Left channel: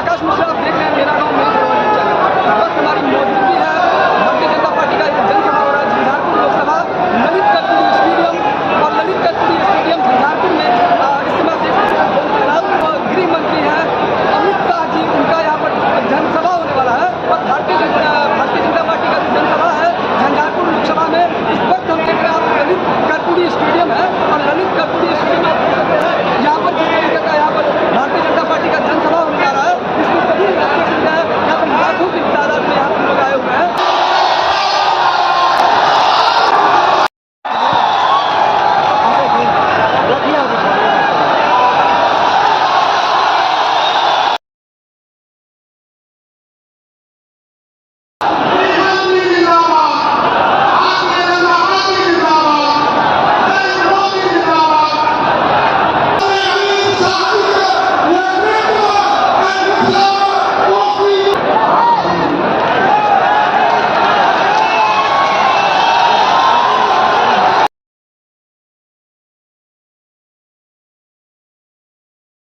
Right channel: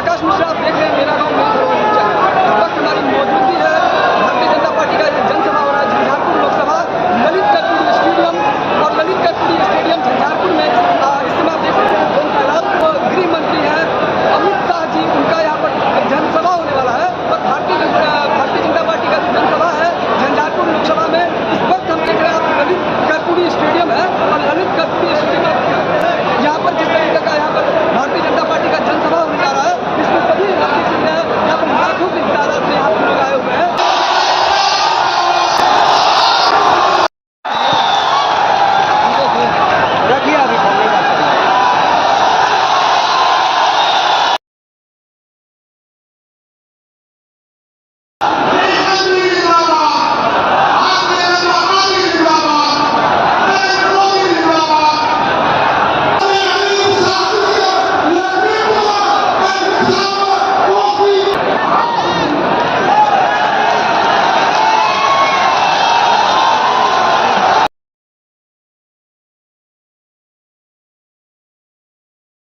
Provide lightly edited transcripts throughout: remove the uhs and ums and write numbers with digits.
आकाश मिश्रा, आप देख रहे हैं मेरा गांव मेरी धरोहर चैनल। इस वक्त हमारी मौजूदगी है भारतीय जनता पार्टी का यहाँ जनसभा हो रहा है झंझारपुर लोकसभा ललित कर्पूरी स्टेडियम, और ललित कर्पूरी स्टेडियम झंझारपुर में इस समय देख सकते हैं जन सैलाब। गृह मंत्री हैं अमित शाह जी, उनका यहाँ पर जनसभा होने वाला है। और भारतीय जनता पार्टी का जो जनसभा है झंझारपुर लोकसभा में, इस वक्त हम देख रहे हैं ललित कर्पूरी स्टेडियम है। और ललित कर्पूरी स्टेडियम आप देख सकते हैं यहाँ पर जिस तरीके का यहाँ पर भारतीय जनता पार्टी का जनसभा होने जा रहा है, इसमें सभी राज्य के हैं, यहाँ पर लाखों की तादाद में यहाँ पर लोग आए हुए हैं।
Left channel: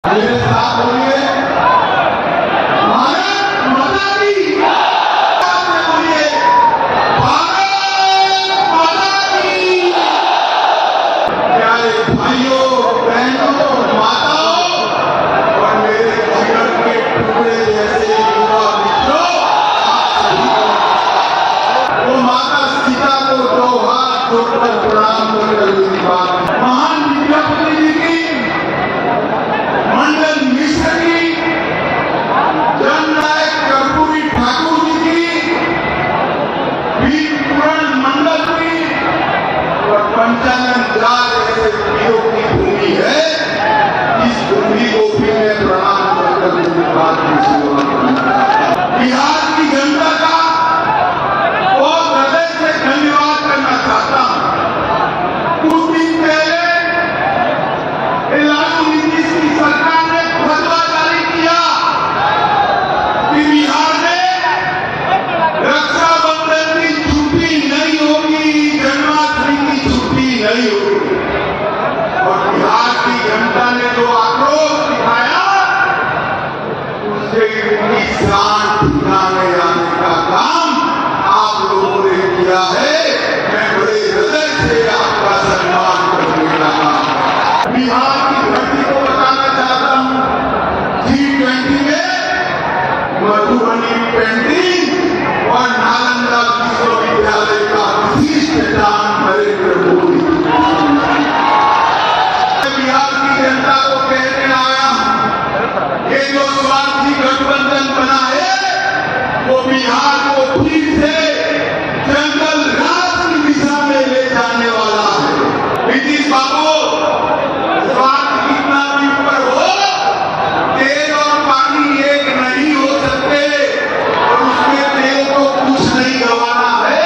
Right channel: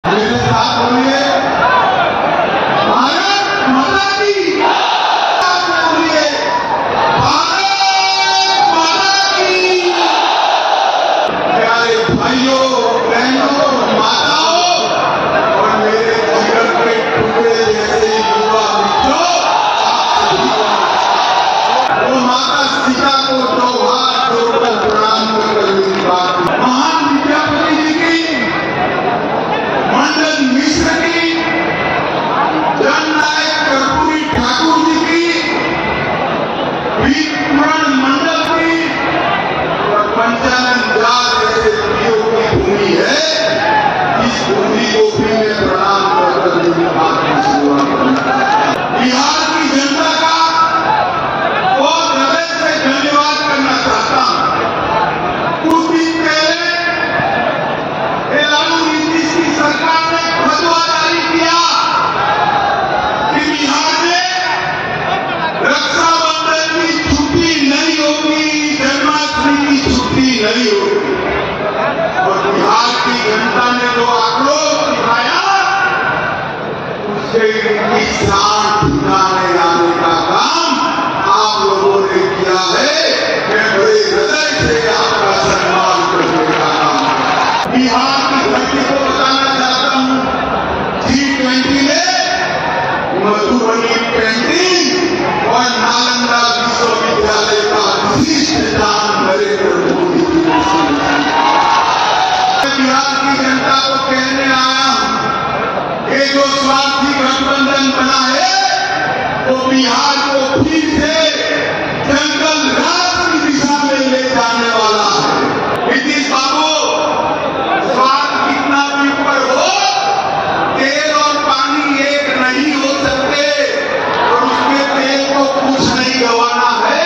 मेरे साथ बोलिए भारत माता की, बोलिए भारत माता की। प्यारे भाइयों बहनों माताओं और मेरे जीवन के टुकड़े जैसे युवा मित्रों, वो माता सीता को दो हाथ जोड़कर प्रणाम करते हुए बात महान विद्यापति जी की, मंडन मिश्र की, जननायक कर्पूरी ठाकुर जी की, वीर पूरण मंडल की और पंचानन जाल जैसे वीरों की भूमि है। इस भूमि को भी मैं प्रणाम करते हुए बात की शुरुआत करता हूं। बिहार की जनता का बहुत हृदय से धन्यवाद करना चाहता हूं। कुछ दिन पहले लालू नीतीश की सरकार ने फतवा जारी किया कि बिहार में रक्षाबंधन की छुट्टी नहीं होगी, जन्माष्टमी की छुट्टी नहीं होगी। और बिहार की जनता ने जो आक्रोश दिखाया, उससे इनकी शान ठिकाने लाने का काम आप लोगों ने किया है। मैं बड़े हृदय से आपका सम्मान करने का काम बिहार की धरती को बताना चाहता हूं। G20 में मधुबनी पेंटिंग और नालंदा विश्वविद्यालय का विशिष्ट दान नरेंद्र मोदी जी ने किया। बिहार की जनता को कहने आया हूं, ये जो स्वार्थी गठबंधन बना है वो बिहार को फिर से जंगल राज की दिशा में ले जाने वाला है। नीतीश बाबू, स्वार्थ कितना भी ऊपर हो, तेल और पानी एक नहीं हो सकते और उसमें तेल को कुछ नहीं गंवाना है।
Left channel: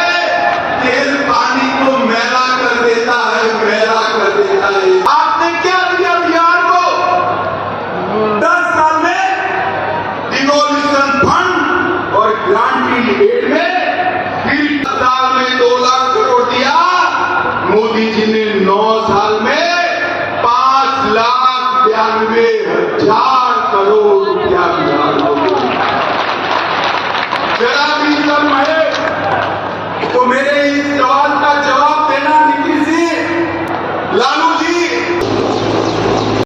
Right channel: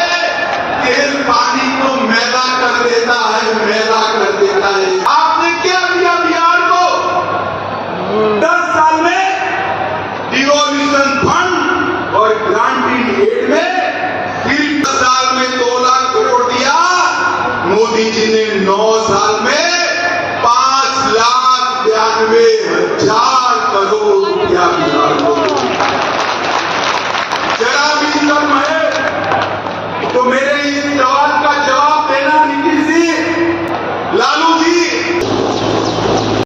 तेल पानी को मैला कर देता है, मैला कर देता है। आपने क्या किया बिहार को? 10 साल में डिवोल्यूशन फंड और ग्रांटिंग एड में फिर 10 साल में 2 लाख करोड़ दिया। मोदी जी ने 9 साल में 5,92,000